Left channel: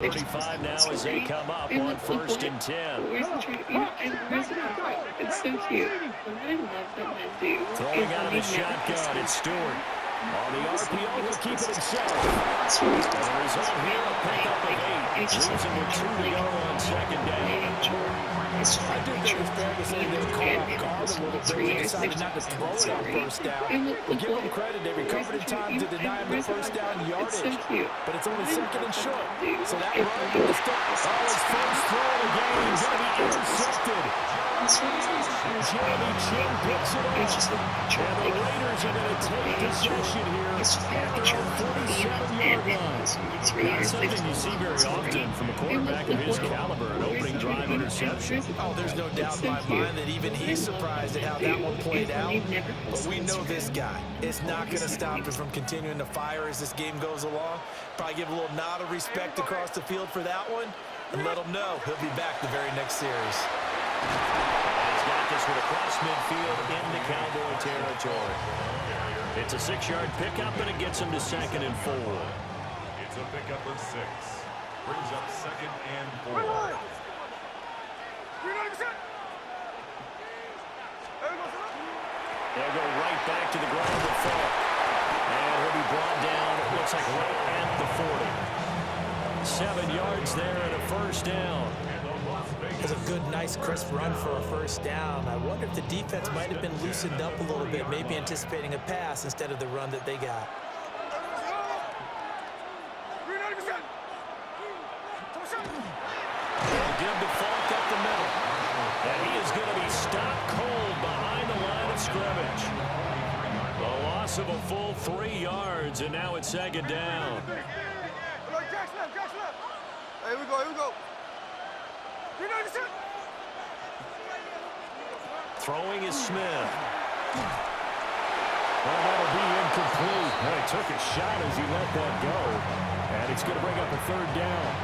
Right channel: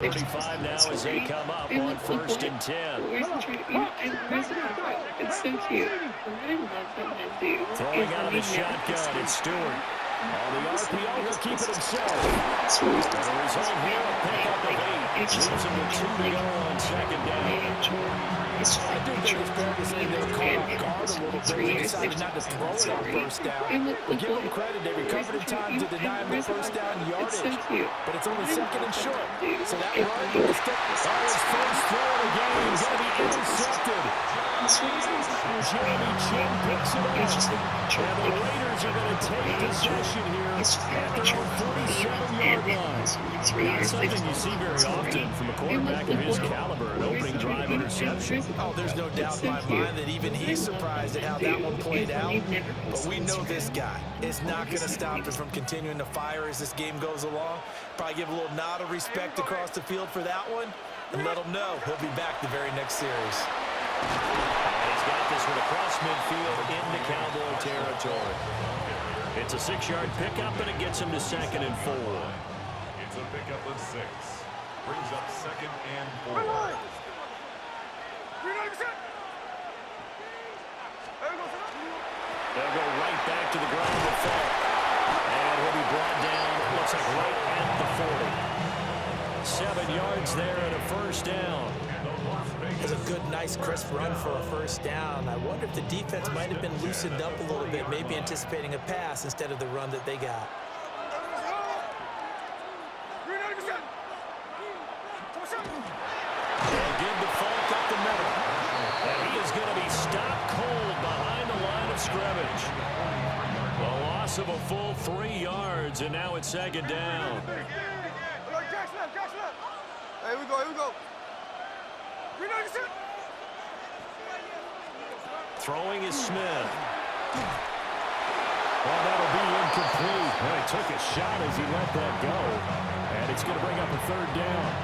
35 now as they come up on 1st and 10. It's so cute. What I love that men do. Throwing out of the shotgun, it's Stewart. On the RPO, he'll keep it himself. And the result here, a pickup of 8. Leaves him with 2 to go on 2nd down. I do think it's fair to say they were caught off guard a little bit. They decided not to throw it on 1st down. But give them credit, they recovered in time to deny them the 1st down yardage. But it's only 2nd and short. So that run is still... Oh, his first throw of the game is going to be intercepted. Jeremy Chin picks it up. And the Raiders are going to take possession here at their own 47-yard line. Not something you see very often from a quarterback of his caliber, an opening drive interception. Oh, there's no doubt in my mind that even he's surprised at how that one played out. But we know this guy. It's not going to stop him from continuing to fire as this game goes along. Probably give a little nod of respect across the field for that one. And let him know he'll be back the very next series. And he's got this one across midfield into Cowboy territory. It's a 6-yard pickup, and it gets him to 2nd and 4. It's a pickup of 6. Brings up 2nd and 4. They'll go right back to the ground with Falk. And he'll be brought down, it looks like right at the 40. 7 yards there and a 1st down. It's a good, nice, crisp run for a 1st down. I wonder if the defense might have been loosened up a little bit, maybe anticipating a pass instead of the run that they got. They'll give to Falk up the middle. And he is going to be stopped cold behind the line of scrimmage. A loss of a full 3 yards, and now it's 2nd down. Here we go. Throwing is Smith. Well, that'll be incomplete. And he took a shot as he let that go. And it's going to bring up a 3rd down.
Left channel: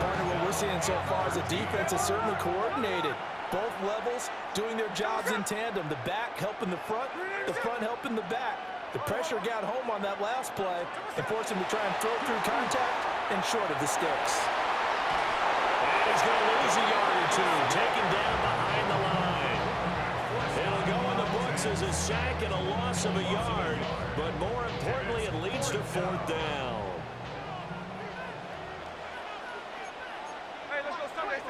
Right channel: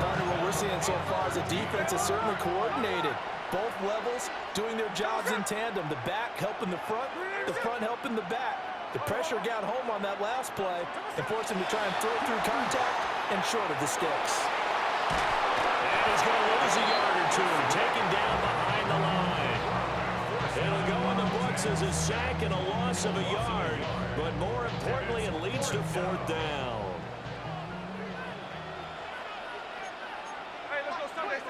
Partner, what we're seeing so far is the defense is certainly coordinated. Both levels doing their jobs in tandem. The back helping the front helping the back. The pressure got home on that last play and forced him to try and throw through contact and short of the sticks. And he's going to lose a yard or 2, taken down behind the line. It'll go in the books as a sack and a loss of a yard, but more importantly, it leads to 4th down. Hey, let's go Sunday.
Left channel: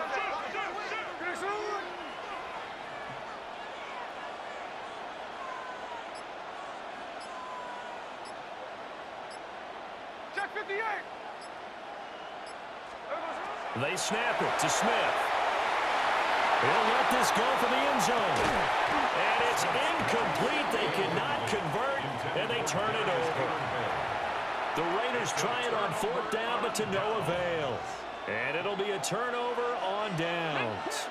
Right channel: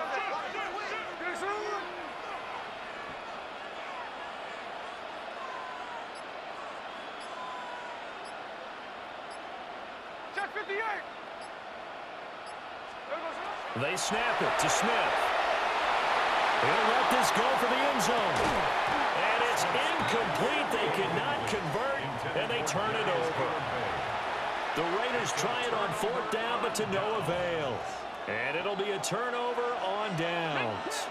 Check 58. They snap it to Smith. He'll let this go for the end zone. And it's incomplete. They cannot convert, and they turn it over. The Raiders try it on 4th down, but to no avail. And it'll be a turnover on downs.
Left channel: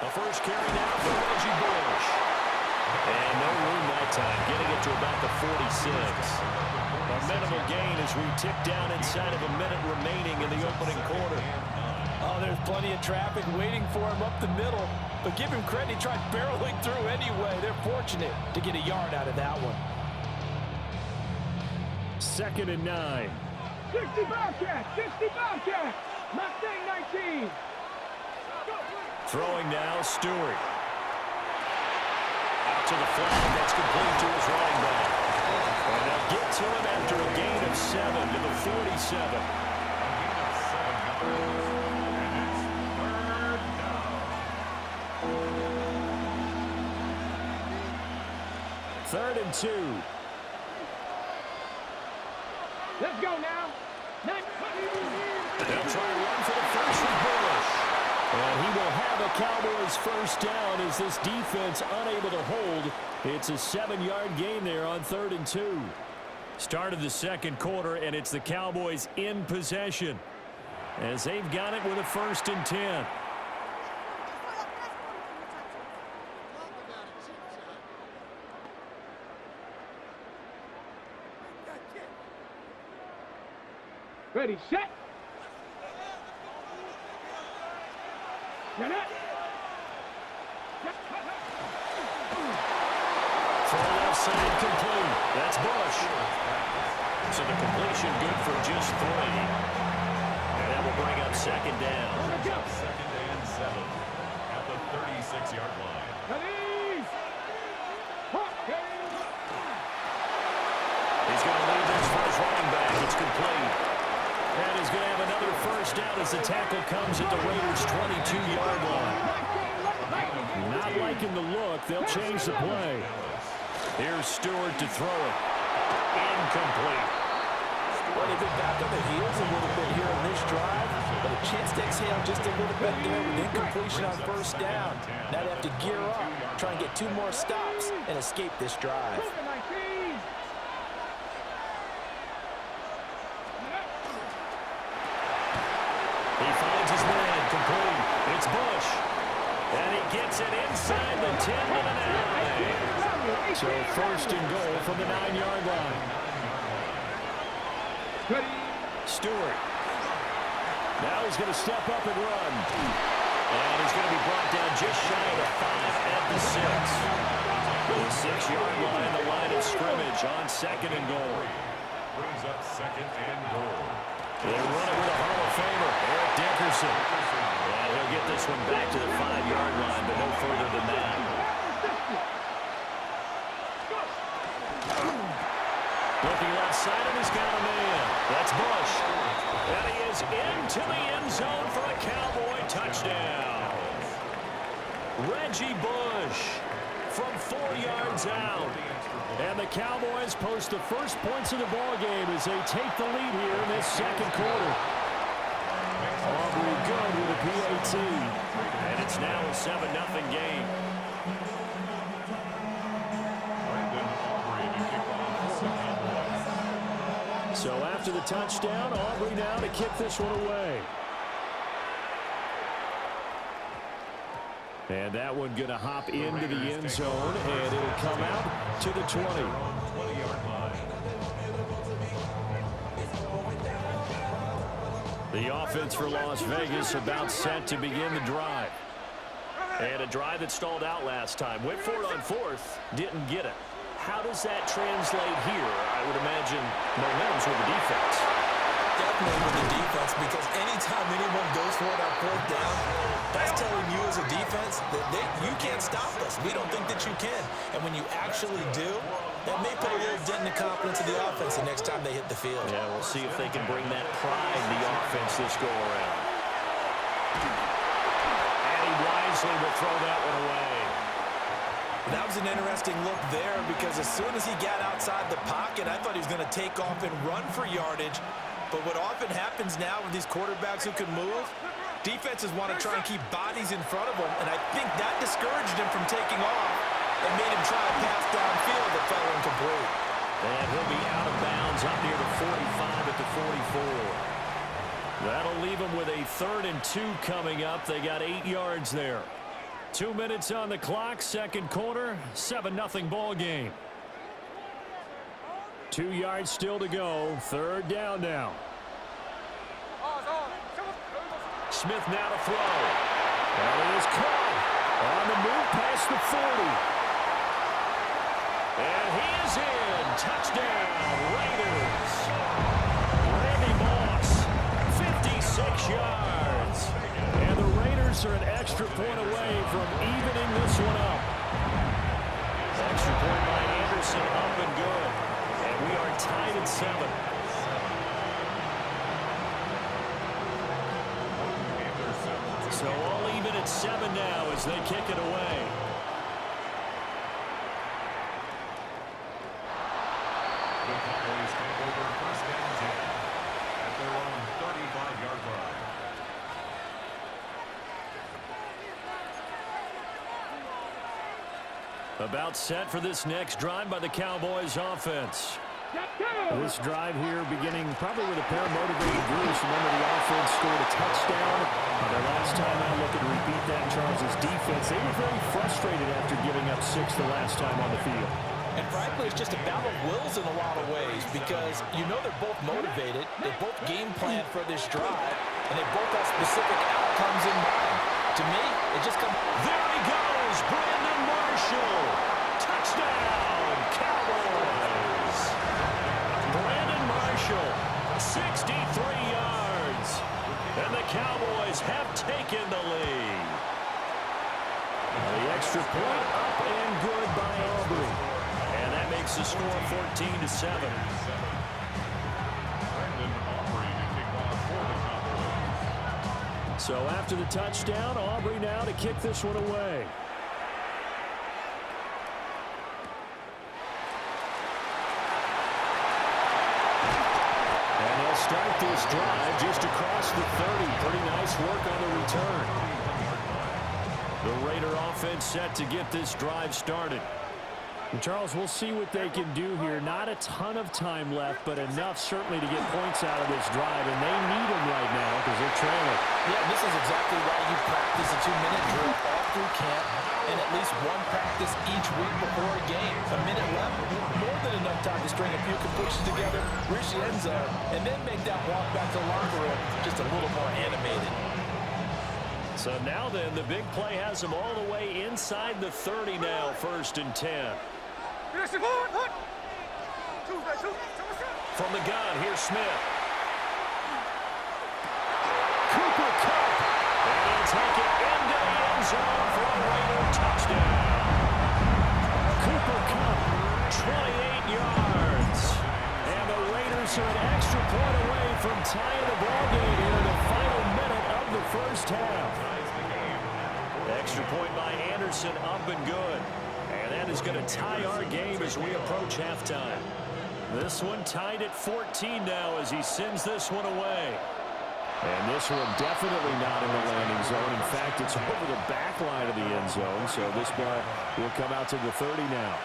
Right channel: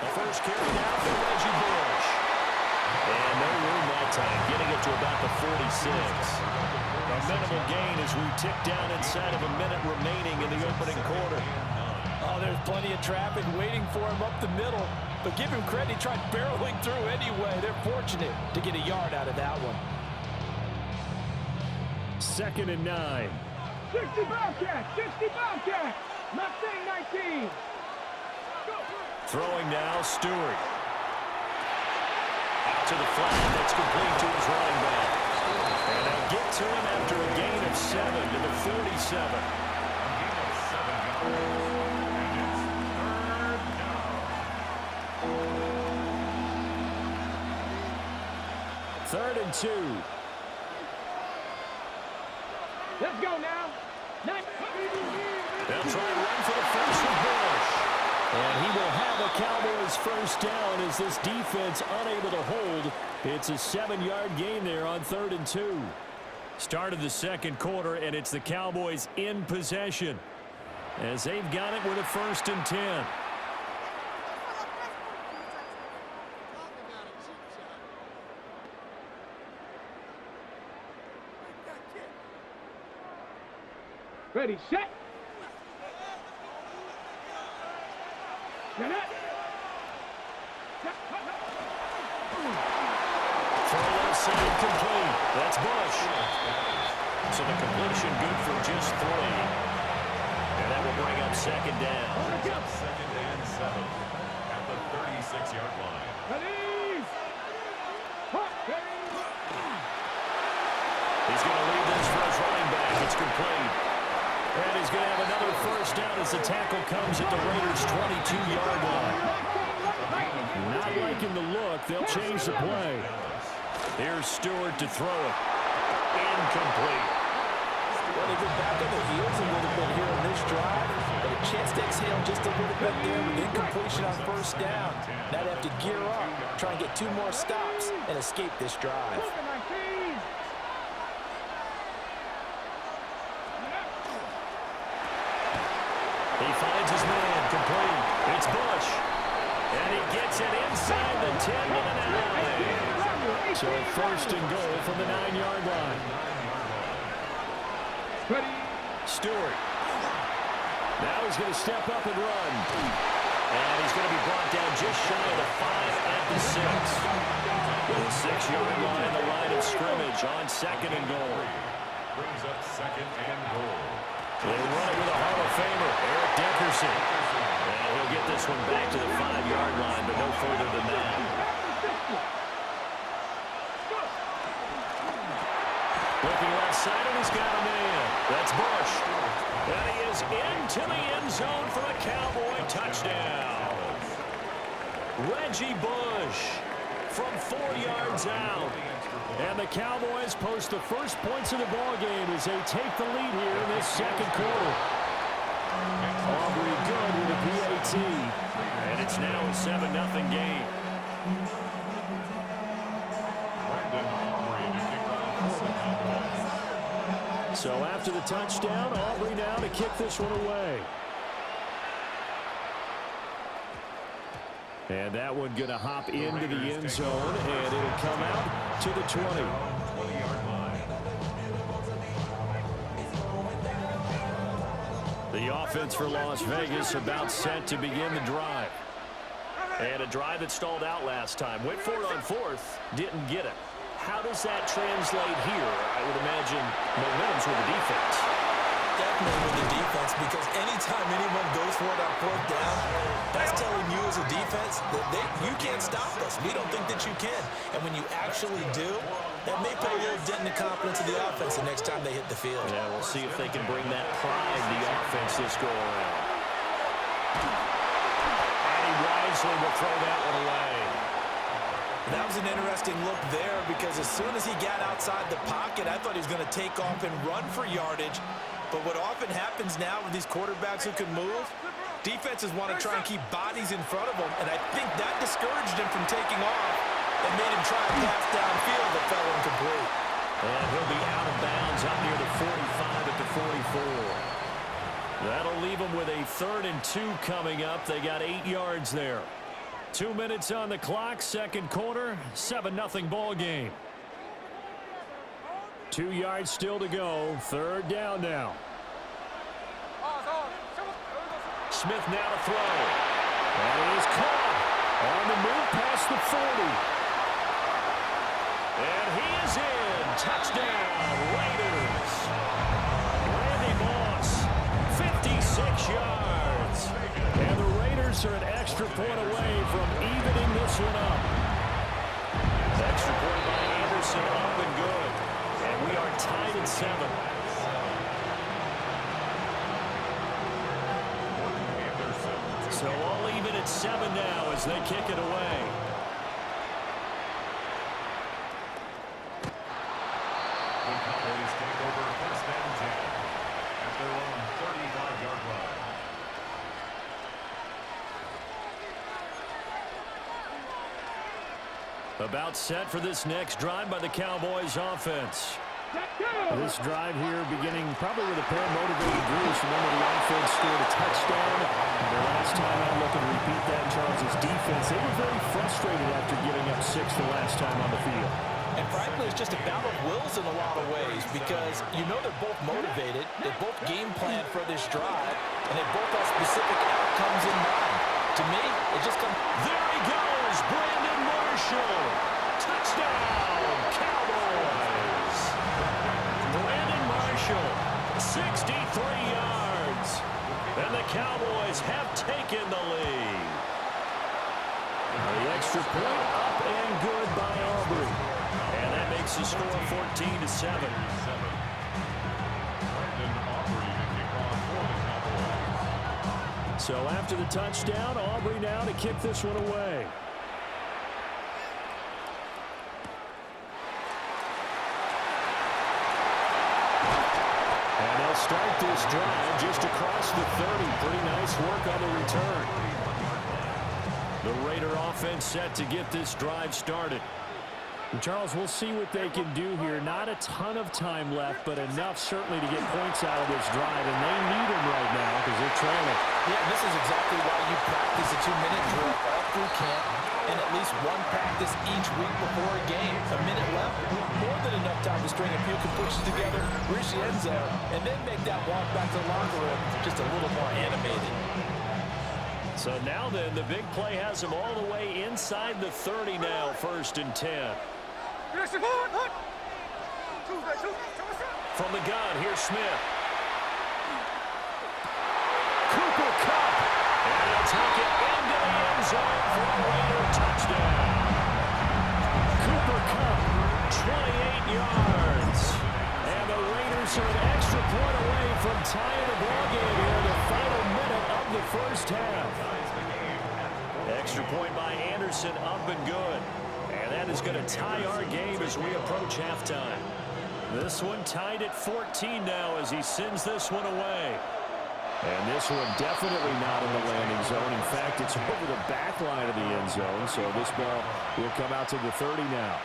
The first carry now for Reggie Bush. And no room that time, getting it to about the 46. A minimal gain as we tick down inside of a minute remaining in the opening quarter. Oh, there's plenty of traffic waiting for him up the middle. But give him credit, he tried barreling through anyway. They're fortunate to get a yard out of that one. 2nd and 9. 60 Bobcats. Mustang 19. Throwing now, Stewart. Out to the flat, that's complete to his running back. And they'll get to him after a gain of 7 to the 47. A gain of 7 yards. And it's 3rd down. 3rd and 2. Let's go now. They'll try and run for the first with Bush. And he will have a Cowboys 1st down as this defense unable to hold. It's a 7-yard gain there on 3rd and 2. Start of the 2nd quarter, and it's the Cowboys in possession as they've got it with a 1st and 10. Ready, set. Throw left side complete. That's Bush. So the completion good for just 3. second down. Brings up 2nd and 7 at the 36-yard line. Ready. He's going to leave this for his running back. It's complete. And he's going to have another first down as the tackle comes at the Raiders' 22-yard line. Not liking the look. They'll change the play. Here's Stewart to throw it. Incomplete. Well, they've been back on the heels a little bit here on this drive, but a chance to exhale just a little bit there with incompletion on first down. Now they have to gear up, try and get 2 more stops, and escape this drive. He finds his man, complete. It's Bush. And he gets it inside the 10 to the 9. So first and goal from the 9-yard line. Stewart. Now he's going to step up and run. And he's going to be brought down just shy of the 5 at the 6. The 6-yard line, the line of scrimmage on second and goal. Brings up 2nd and goal. They run it with a Hall of Famer, Eric Dickerson. And he'll get this one back to the 5-yard line, but no further than that. Looking left side, and he's got a man. That's Bush. And he is into the end zone for a Cowboy touchdown. Reggie Bush from 4 yards out. And the Cowboys post the first points of the ballgame as they take the lead here in this second quarter. Aubrey good with a PAT. And it's now a 7-0 game. Brandon Aubrey to kick off for the Cowboys. So after the touchdown, Aubrey now to kick this one away. And that one going to hop into the end zone, and it'll come out to the 20. 20-yard line. The offense for Las Vegas about set to begin the drive. And a drive that stalled out last time. Went for it on 4th, didn't get it. How does that translate here? I would imagine momentum's with the defense. Definitely with the defense, because anytime anyone goes for it on 4th down, that's telling you as a defense that you can't stop us. We don't think that you can. And when you actually do, that may put a little dent in the confidence of the offense the next time they hit the field. Yeah, we'll see if they can bring that pride to the offense this go-around. And he wisely will throw that one away. That was an interesting look there, because as soon as he got outside the pocket, I thought he was going to take off and run for yardage. But what often happens now with these quarterbacks who can move, defenses want to try and keep bodies in front of them, and I think that discouraged him from taking off and made him try a pass downfield that fell incomplete. And he'll be out of bounds up near the 45 at the 44. That'll leave him with a 3rd and 2 coming up. They got 8 yards there. 2 minutes on the clock, second quarter, 7-0 ball game. 2 yards still to go, 3rd down now. Smith now to throw. And he is caught on the move past the 40. And he is in. Touchdown, Raiders. Randy Moss, 56 yards. And the Raiders are an extra point away from evening this one up. Extra point by Anderson, up and good. And we are tied at 7. So all even at 7 now as they kick it away. The Cowboys take over 1st and 10 at their own 35-yard line. About set for this next drive by the Cowboys offense. This drive here beginning probably with a pair of motivated groups. Remember, the offense scored a touchdown. Their last time out, looking to repeat that in Charles' defense. They were very frustrated after giving up 6 the last time on the field. And frankly, it's just a battle of wills in a lot of ways, because you know they're both motivated, they both game plan for this drive, and they both have specific outcomes in mind. To me, it just comes... There he goes, Brandon Marshall. Touchdown, Cowboys. Brandon Marshall, 63 yards. And the Cowboys have taken the lead. The extra point up and good by Aubrey. And that makes the score 14-7. So after the touchdown, Aubrey now to kick this one away. And they'll start this drive just across the 30. Pretty nice work on the return. The Raider offense set to get this drive started. And Charles, we'll see what they can do here. Not a ton of time left, but enough certainly to get points out of this drive. And they need them right now because they're trailing. Yeah, this is exactly why you practice a 2-minute drill all through camp and at least one practice each week before a game. A minute left, more than enough time to string a few completions together, reach the end zone, and then make that walk back to the locker room just a little more animated. So now then, the big play has them all the way inside the 30 now, 1st and 10. From the gun, here's Smith. Cooper Kupp. And he'll take it into the end zone for a Raider touchdown. Cooper Kupp, 28 yards. And the Raiders are an extra point away from tying the ballgame here in the final minute of the first half. Extra point by Anderson, up and good. And that is going to tie our game as we approach halftime. This one tied at 14 now as he sends this one away. And this one definitely not in the landing zone. In fact, it's over the back line of the end zone. So this ball will come out to the 30 now.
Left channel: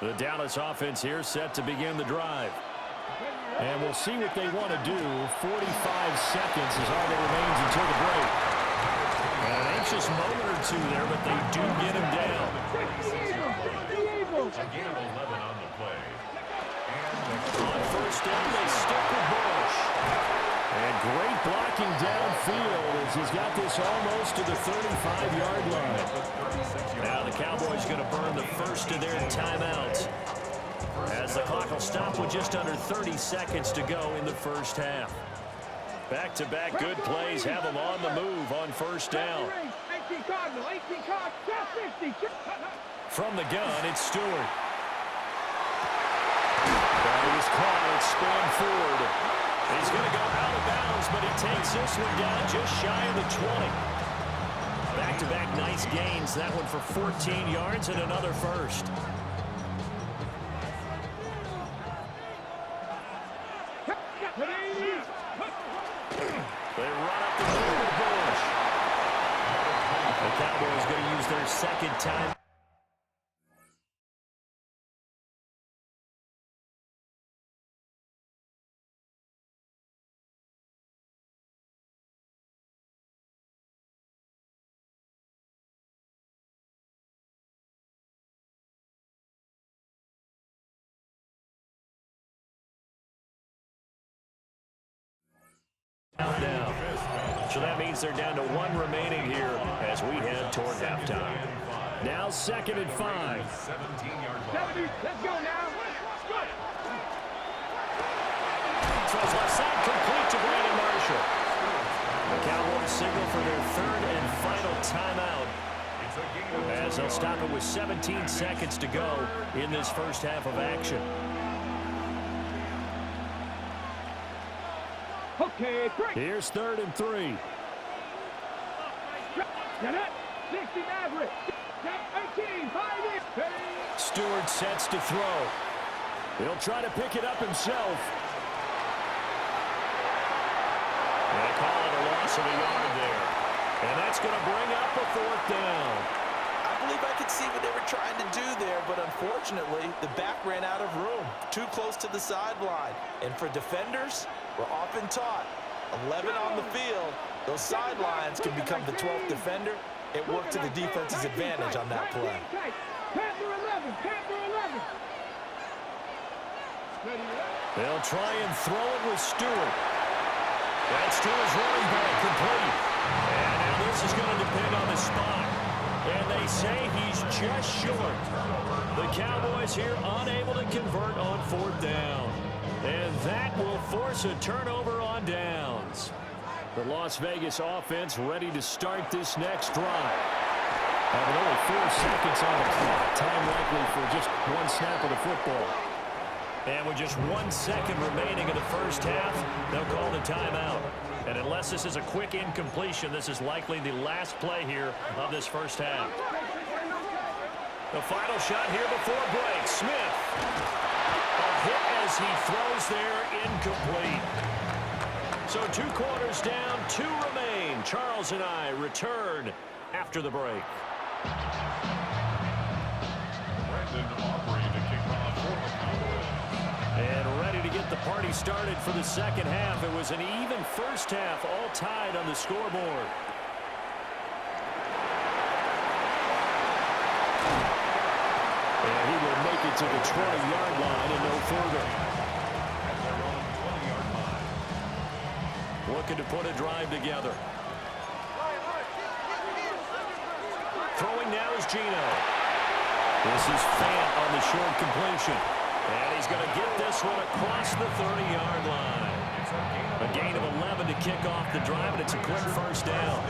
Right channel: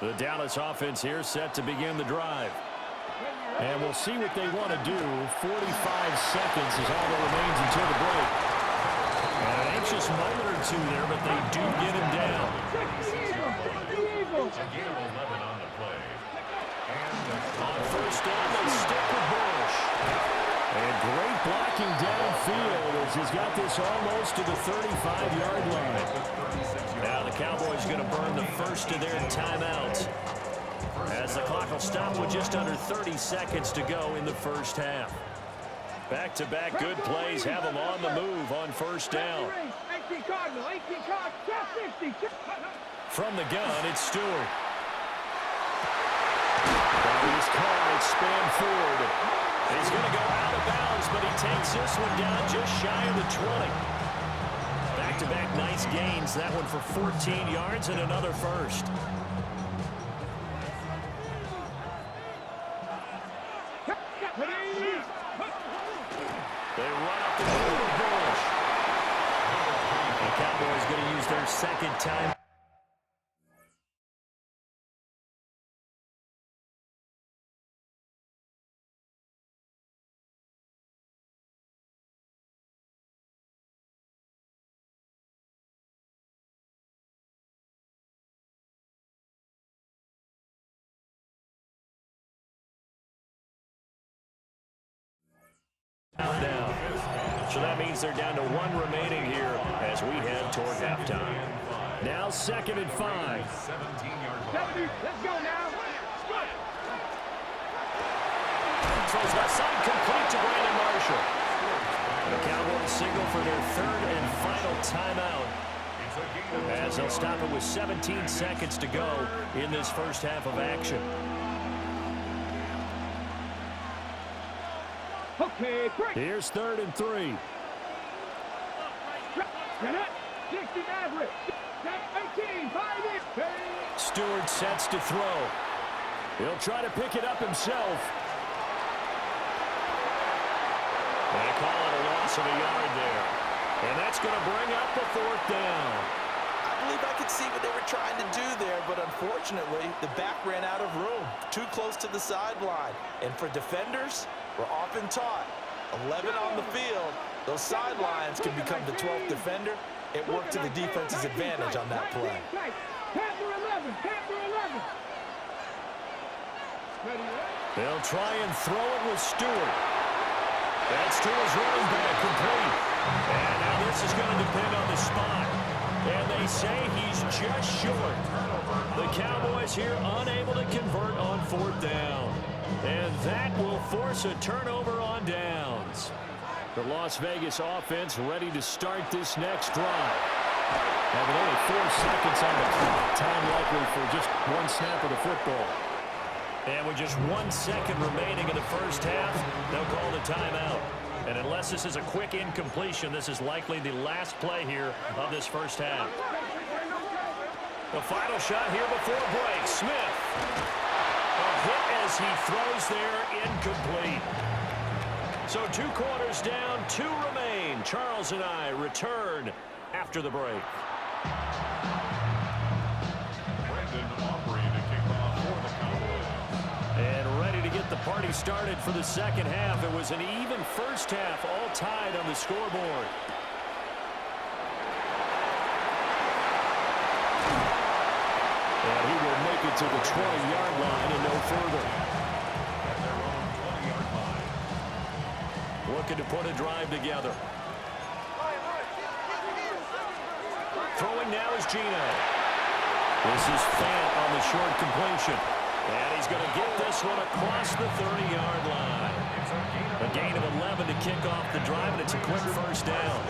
The Dallas offense here set to begin the drive. And we'll see what they want to do. 45 seconds is all that remains until the break. And an anxious moment or two there, but they do get him down. Again, 11 on the play. On first down, they stick with Bush. And great blocking downfield as he's got this almost to the 35-yard line. Now the Cowboys going to burn the first of their timeouts, as the clock will stop with just under 30 seconds to go in the first half. Back-to-back good plays have them on the move on first down. From the gun, it's Stewart. But he is caught at span forward. He's going to go out of bounds, but he takes this one down just shy of the 20. Back-to-back nice gains. That one for 14 yards and another first. They run up the middle with Bush. The Cowboys going to use their second time. Now, so that means they're down to one remaining here as we head toward halftime. Now 2nd and 5. 17-yard line. 70, let's go now. Throws left side, complete to Brandon Marshall. The Cowboys signal for their 3rd and final timeout, as they'll stop it with 17 seconds to go in this first half of action. Okay, break. Here's 3rd and 3. 60 Maverick. 18, 5 in. Stewart sets to throw. He'll try to pick it up himself. And they call it a loss of a yard there. And that's going to bring up a 4th down. I believe I could see what they were trying to do there, but unfortunately, the back ran out of room. Too close to the sideline. And for defenders, we're often taught, 11 on the field, those sidelines can become the 12th defender. It worked to the defense's advantage on that play. Panther 11, Panther 11. They'll try and throw it with Stewart. That's to his running back, complete. And now this is going to depend on the spot. And they say he's just short. The Cowboys here unable to convert on 4th down. And that will force a turnover on downs. The Las Vegas offense ready to start this next drive. With only 4 seconds on the clock, time likely for just one snap of the football. And with just 1 second remaining in the first half, they'll call the timeout. And unless this is a quick incompletion, this is likely the last play here of this first half. The final shot here before break. Smith. A hit as he throws there, incomplete. So 2 quarters down, 2 remain. Charles and I return after the break. And ready to get the party started for the second half. It was an even first half, all tied on the scoreboard. And he will make it to the 20-yard line and no further. At their own 20-yard line. Looking to put a drive together. Throwing now is Gino. This is Fant on the short completion. And he's going to get this one across the 30-yard line. A gain of 11 to kick off the drive, and it's a quick first down.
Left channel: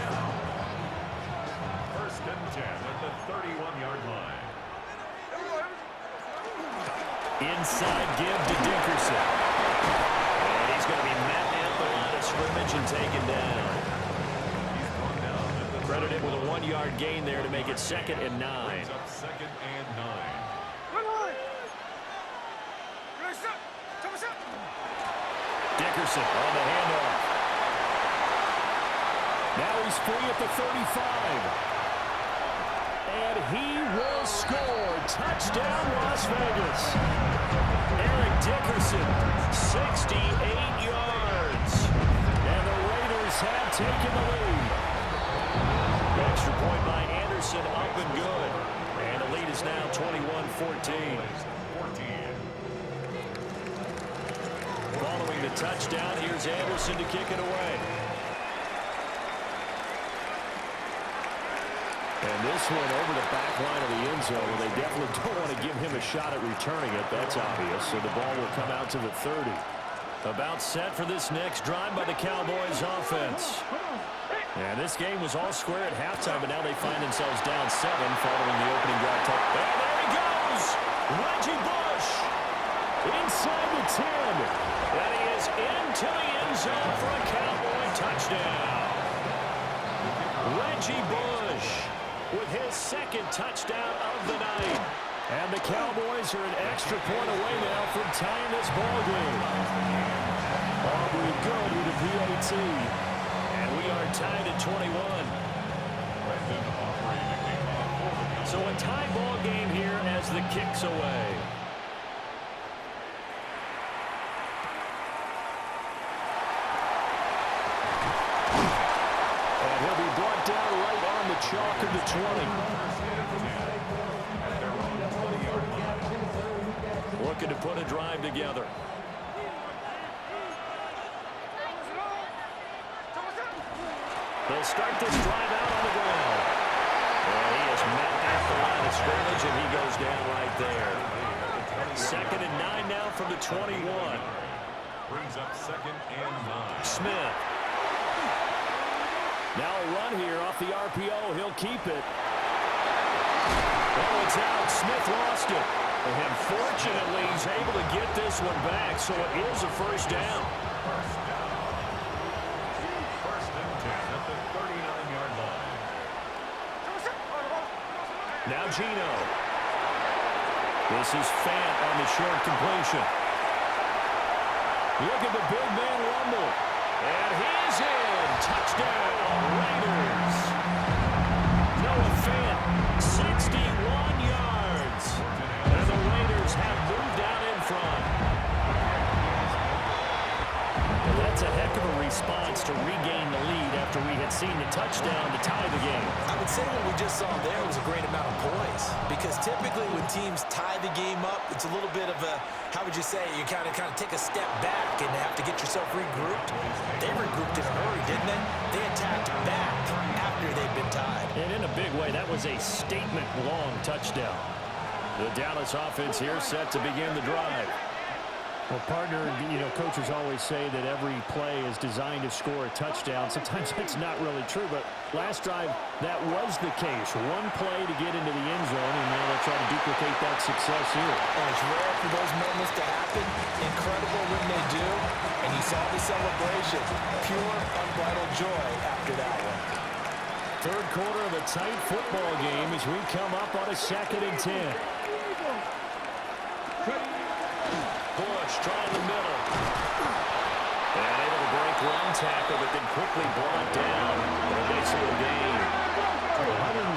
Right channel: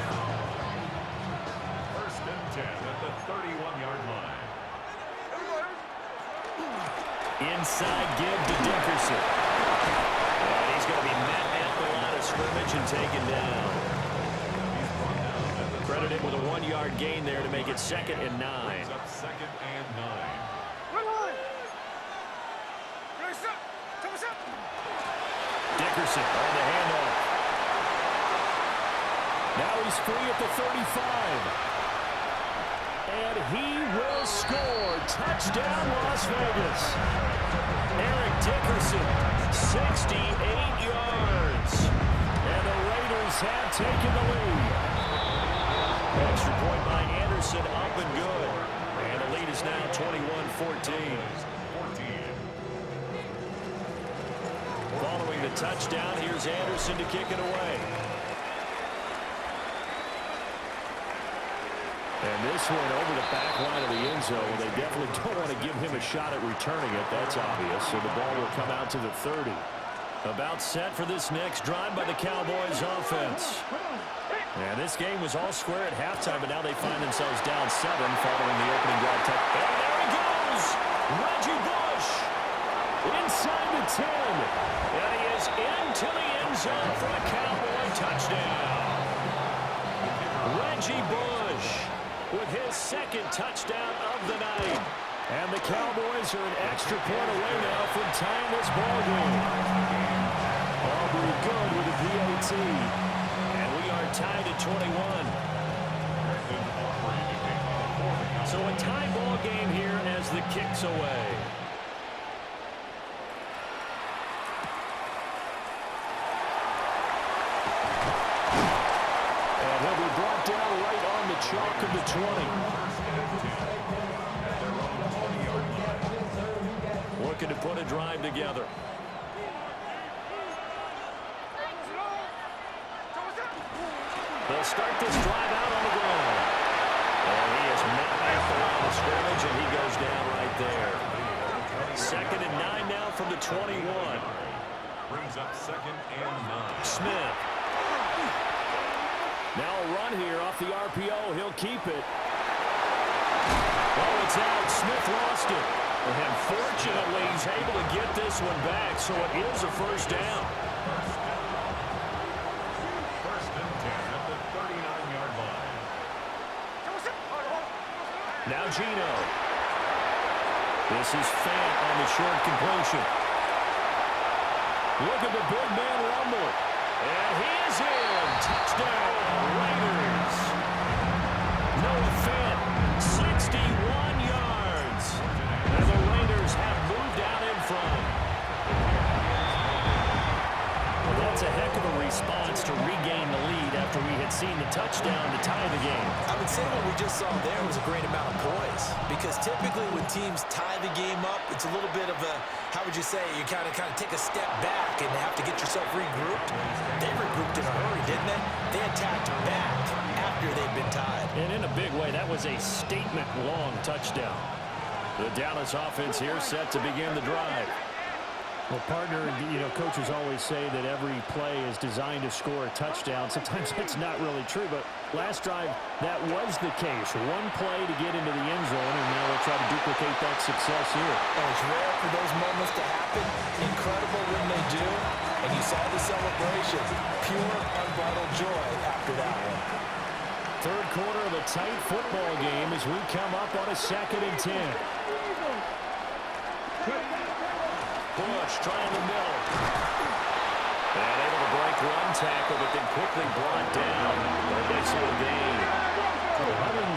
1st and 10 at the 31-yard line. Inside give to Dickerson. And he's going to be met at the line of scrimmage and taken down. He's brought down at the Credited with a 1-yard gain there to make it 2nd and 9. Brings up 2nd and 9. Dickerson on the handoff. Now he's free at the 35. And he will score. Touchdown, Las Vegas. Eric Dickerson, 68 yards. And the Raiders have taken the lead. Extra point by Anderson, up and good. And the lead is now 21-14. Following the touchdown, here's Anderson to kick it away. And this one over the back line of the end zone. Well, they definitely don't want to give him a shot at returning it. That's obvious. So the ball will come out to the 30. About set for this next drive by the Cowboys offense. And this game was all square at halftime, but now they find themselves down 7 following the opening drive. And there he goes! Reggie Bush inside the 10. And he is into the end zone for a Cowboy touchdown. Reggie Bush with his 2nd touchdown of the night. And the Cowboys are an extra point away now from tying this ball game. Aubrey good with a PAT. And we are tied at 21. So a tie ball game here as the kick's away. And he'll be brought down right on the chalk of the 20. Looking to put a drive together. They'll start this drive out on the ground. And he is met at the line of scrimmage, and he goes down right there. 2nd and 9 now from the 21. Brings up 2nd and 9. Smith. Now a run here off the RPO. He'll keep it. Oh, it's out. Smith lost it. And fortunately, he's able to get this one back, so it is a first down. First and 10 at the 39-yard line. Now Gino. This is Fant on the short completion. Look at the big man rumble. And he is in. Touchdown, Raiders. Noah Fant, 61 yards. And the Raiders have moved out in front. Well, that's a a heck of a response to regain the lead after we had seen the touchdown to tie the game. I would say what we just saw there was a great amount of poise, because typically when teams tie the game up, it's a little bit of a, how would you say, you kind of take a step back and have to get yourself regrouped. They regrouped in a hurry, didn't they? They attacked back after they'd been tied. And in a big way, that was a statement-long touchdown. The Dallas offense here set to begin the drive. Well, partner, coaches always say that every play is designed to score a touchdown. Sometimes that's not really true, but last drive, that was the case. One play to get into the end zone, and now they'll try to duplicate that success here. And it's rare for those moments to happen. Incredible when they do. And you saw the celebration. Pure, unbridled joy after that one. Third quarter of a tight football game as we come up on a 2nd and 10. Bush trying the middle. And able to break one tackle, but then quickly brought down. A nice little gain.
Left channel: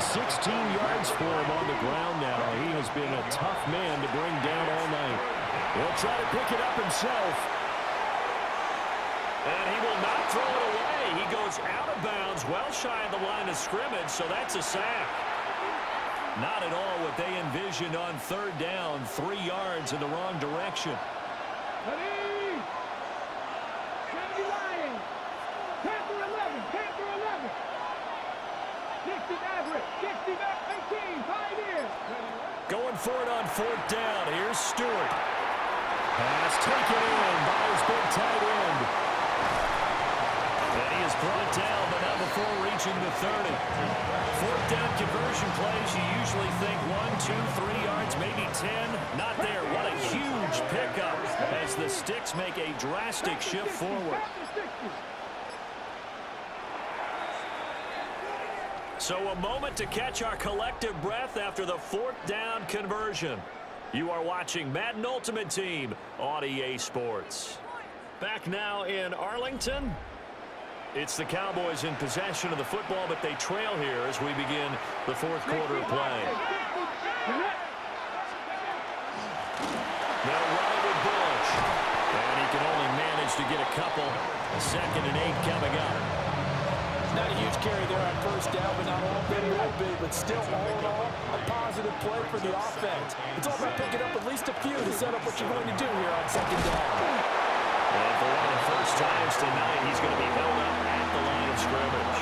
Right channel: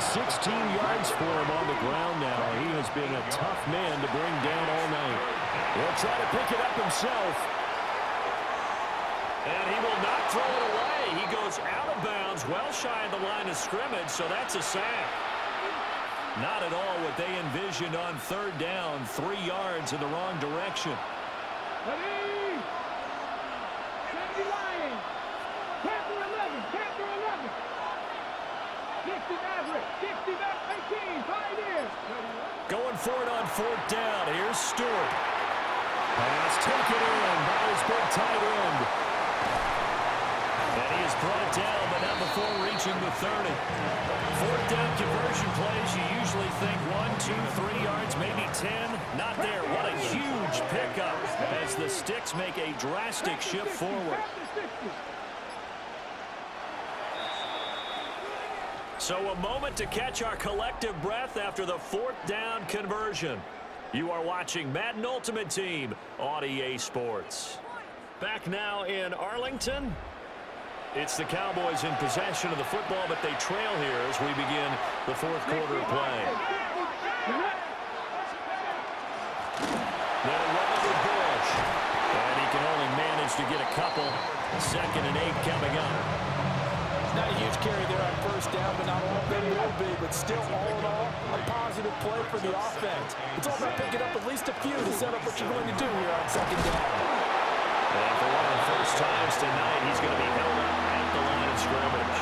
116 yards for him on the ground now. He has been a tough man to bring down all night. He'll try to pick it up himself. And he will not throw it away. He goes out of bounds, well shy of the line of scrimmage, so that's a sack. Not at all what they envisioned on 3rd down. 3 yards in the wrong direction. Ready? Kennedy Lions. Panther 11. Panther 11. 60 Maverick. 60 Maverick. 18. Pioneer. Going for it on 4th down. Here's Stewart. Pass taken in by his big tight end. And he is brought down, but not before reaching the 30. 4th down conversion plays, you usually think 1, 2, 3 yards, maybe 10. Not there. What a huge pickup as the Sticks make a drastic shift forward. So a moment to catch our collective breath after the 4th down conversion. You are watching Madden Ultimate Team on EA Sports. Back now in Arlington. It's the Cowboys in possession of the football, but they trail here as we begin the 4th quarter of play. They'll run it with Bush. And he can only manage to get a couple. 2nd and 8 coming up. Not a huge carry there on 1st down, but not all of them will be. But still, all in all, a positive play for the offense. It's all about picking up at least a few to set up what you're going to do here on 2nd down. And for one of the first times tonight, he's going to be held up at the line of scrimmage.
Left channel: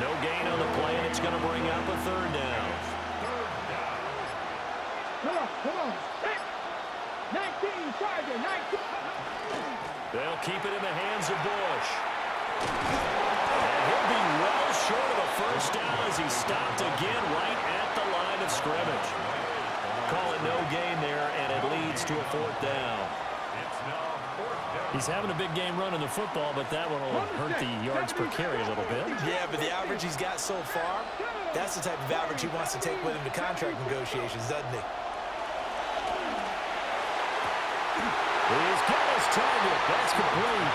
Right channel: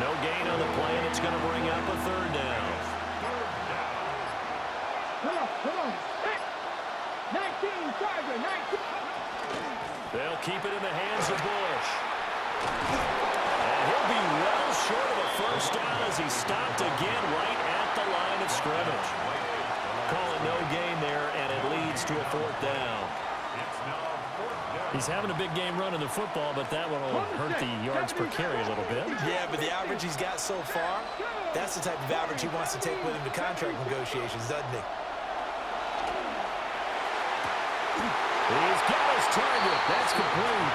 No gain on the play, and it's going to bring up a 3rd down. Come on. 19, Charger, 19. They'll keep it in the hands of Bush. And he'll be well short of a 1st down as he stopped again right at the line of scrimmage. Call it no gain there, and it leads to a 4th down. He's having a big game running the football, but that one will hurt the yards per carry a little bit. Yeah, but the average he's got so far, that's the type of average he wants to take with him to contract negotiations, doesn't he? He's got his target. That's complete.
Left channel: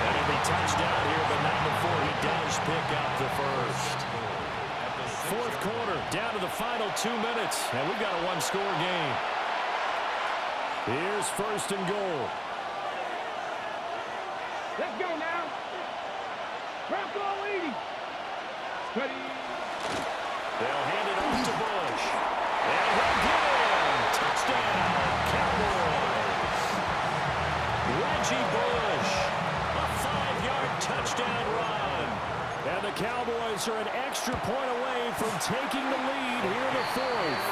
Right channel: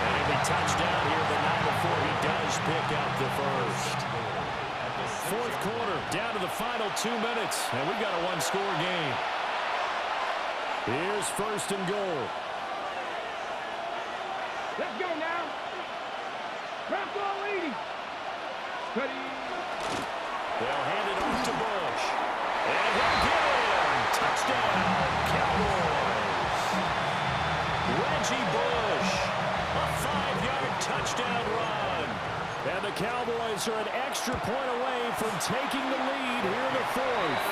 And he'll be touched down here, but not before he does pick up the 1st. 4th quarter, down to the final 2 minutes, and we've got a 1-score game. Here's 1st and goal. Let's go now. Rock ball 80. Ready. They'll hand it off to Bush. And he'll get in. Touchdown, Cowboys. Reggie Bush. A 5-yard touchdown run. And the Cowboys are an extra point away from taking the lead here in the 4th.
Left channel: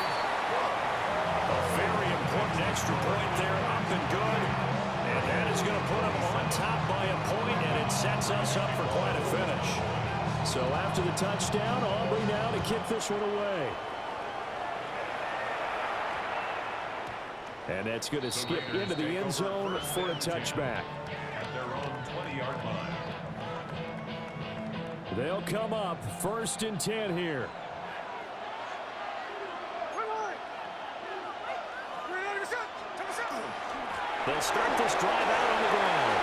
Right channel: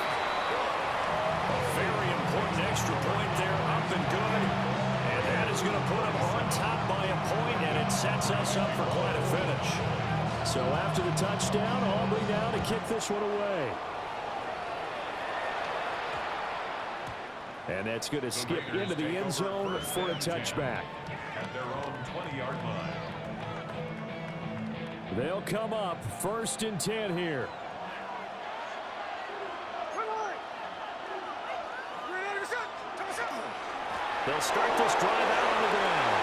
A very important extra point there, up and good. And that is going to put them on top by a point, and it sets us up for quite a finish. So after the touchdown, Aubrey now to kick this one away. And that's going to skip into the end zone for a touchback. At their own 20-yard line. They'll come up 1st and 10 here. They'll start this drive out on the ground.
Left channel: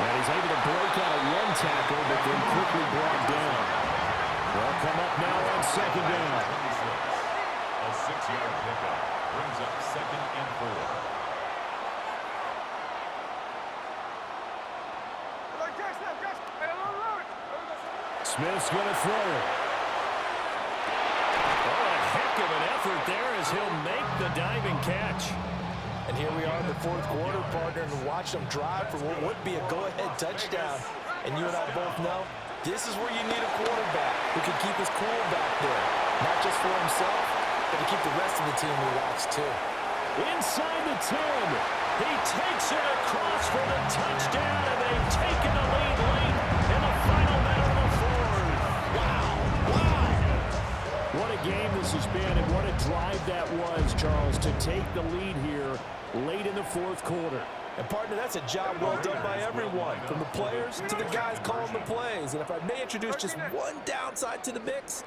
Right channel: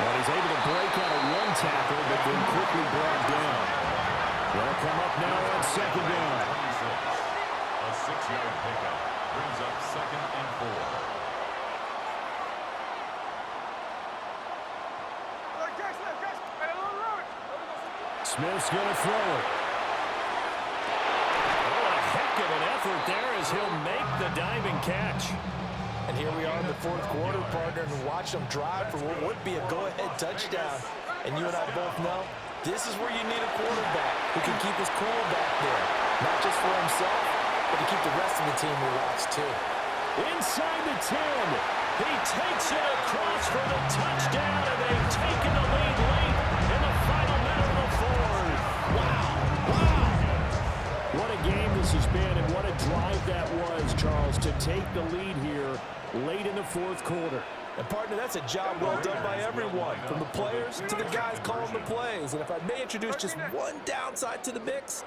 And he's able to break out of one tackle, but then quickly brought down. They'll come up now on 2nd down. 26. A 6-yard pickup brings up 2nd and 4. Smith's going to throw it. Oh, and a heck of an effort there as he'll make the diving catch. And here we are in the fourth quarter, partner, and watch them drive for what would be a go-ahead touchdown. And you and I both know this is where you need a quarterback who can keep his cool back there. Not just for himself, but to keep the rest of the team relaxed too. Inside the 10. He takes it across for the touchdown, and they've taken the lead late in the final minute of the fourth. Wow. What a game this has been, and what a drive that was, Charles, to take the lead here late in the fourth quarter. And, partner, that's a job well done by everyone, from the players to the guys calling the plays. And if I may introduce just one downside to the mix,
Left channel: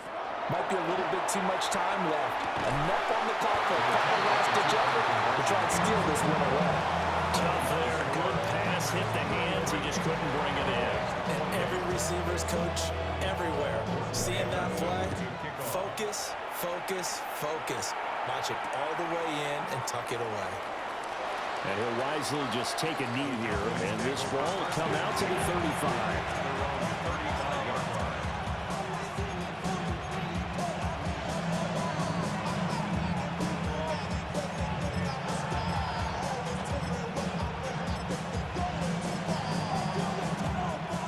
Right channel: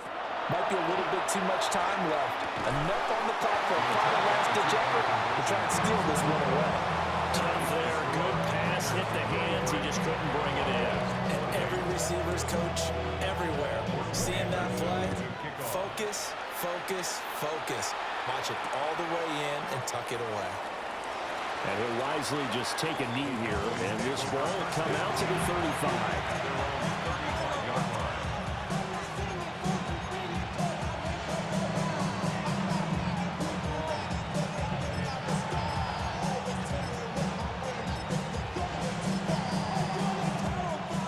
might be a little bit too much time left. Enough on the clock for a final last-ditch effort to try and steal this one away. Tough there. Good pass. Hit the hands. He just couldn't bring it in. And every receiver's coach everywhere. Seeing that play, focus, focus, focus. Watch it all the way in and tuck it away. And he'll wisely just take a knee here, and this ball will come out to the 35.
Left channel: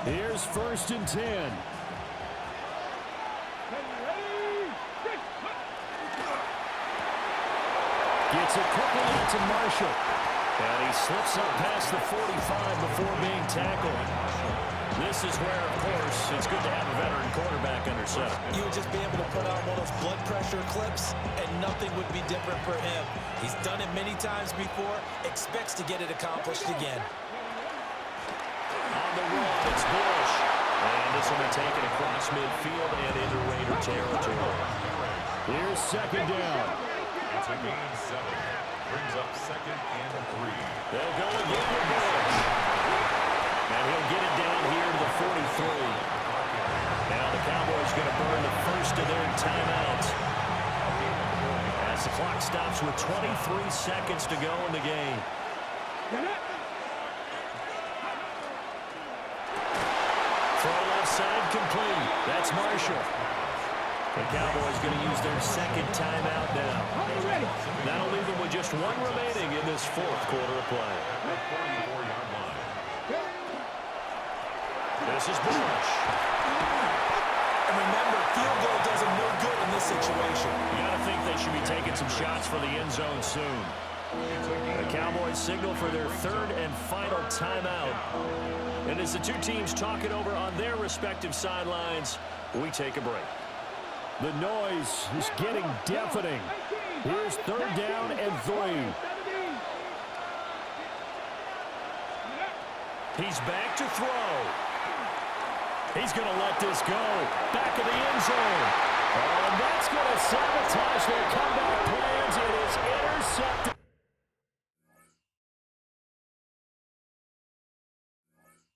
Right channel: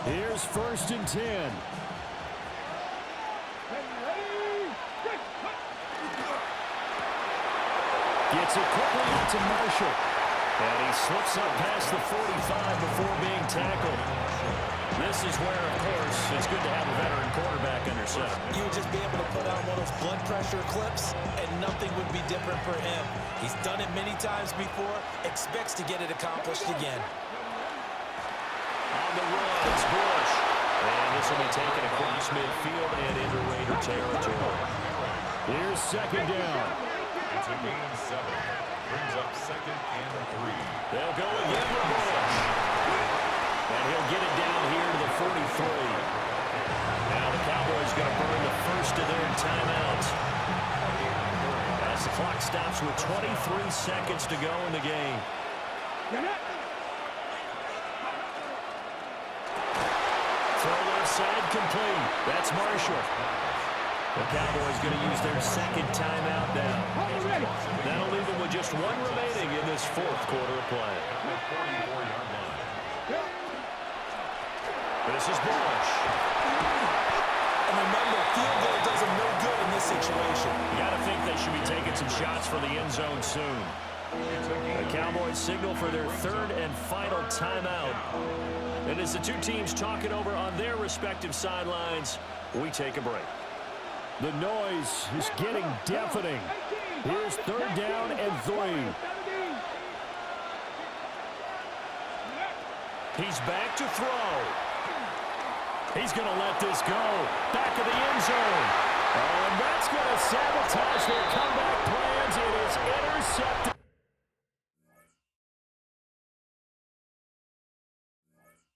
Here's 1st and 10. Gets it quickly out to Marshall. And he slips up past the 45 before being tackled. This is where, of course, it's good to have a veteran quarterback under center. You would just be able to put on one of those blood pressure clips, and nothing would be different for him. He's done it many times before, expects to get it accomplished again. On the run, it's Bush. And this will be taken across midfield and into Raider territory. Here's 2nd down. It's a gain of 7. Brings up 2nd and 3. They'll go again with Bush. And he'll get it down here to the 43. Now the Cowboys going to burn the first of their timeouts. As the clock stops with 23 seconds to go in the game. Throw left side complete. That's Marshall. The Cowboys going to use their 2nd timeout now. That'll leave them with just one remaining in this fourth quarter of play. This is Bush. And remember, field goal does them no good in this situation. You got to think they should be taking some shots for the end zone soon. The Cowboys signal for their 3rd and final timeout. And as the two teams talk it over on their respective sidelines, we take a break. The noise is getting deafening. Here's 3rd down and 3. He's back to throw. He's going to let this go. Back of the end zone. Oh, and that's going to sabotage their comeback plans. It is intercepted.